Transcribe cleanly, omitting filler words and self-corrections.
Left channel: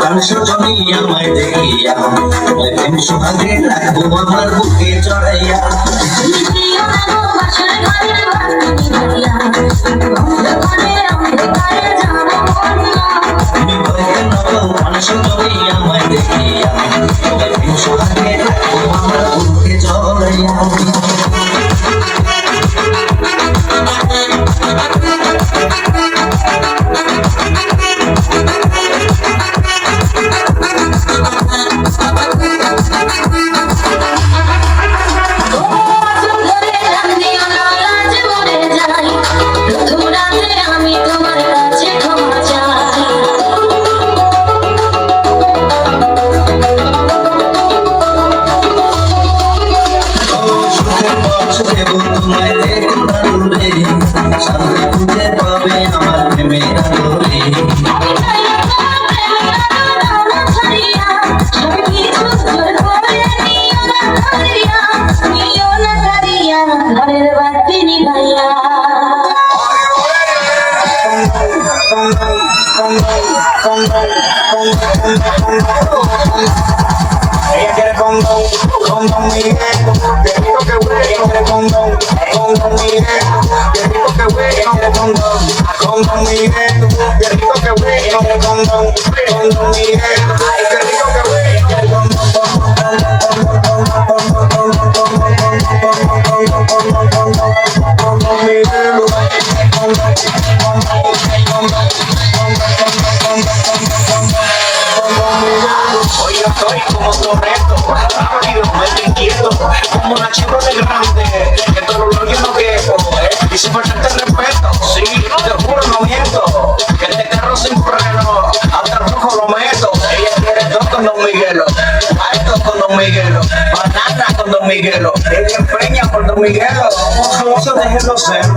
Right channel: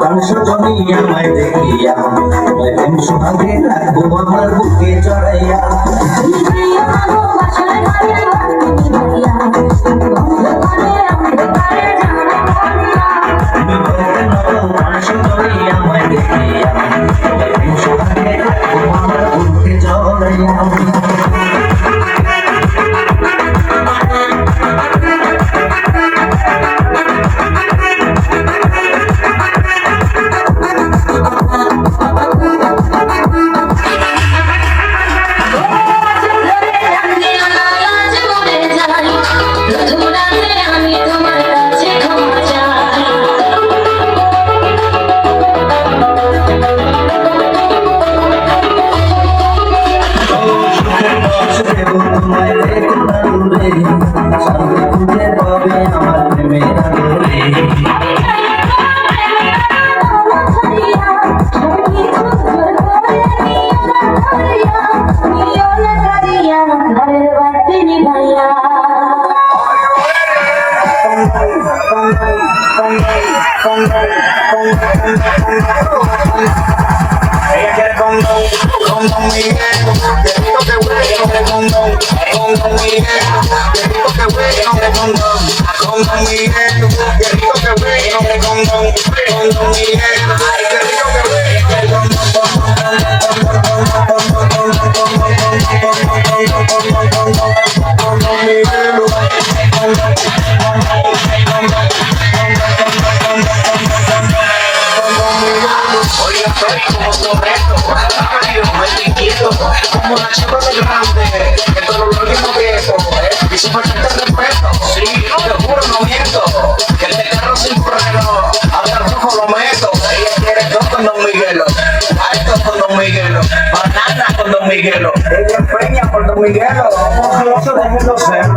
মাংস জমি আমায় দেখিয়া তোমায় প্রেম সোহাগে রাখবো আমার বুকে চড়াইয়া মাংস জমি আমায় দেখিয়া তোমায় প্রেম সোহাগে রাখবো আমার বুকে চড়াইয়া Ella quiere con Miguel, que digo que güey, con Miguel, que digo que güey, con Miguel, que digo que güey, con Miguel, ay, que digo que güey, como la chica de grande, que todo lo que no viejo, y si falta el respeto, sí, te juro no miento, que este carro sin freno, hasta el rojo lo meto, ella quiere todo con Don Miguelo, alto con Don Miguelo, banana con Don Miguelo, ella empeña por Don Miguelo, no se dejen los celos.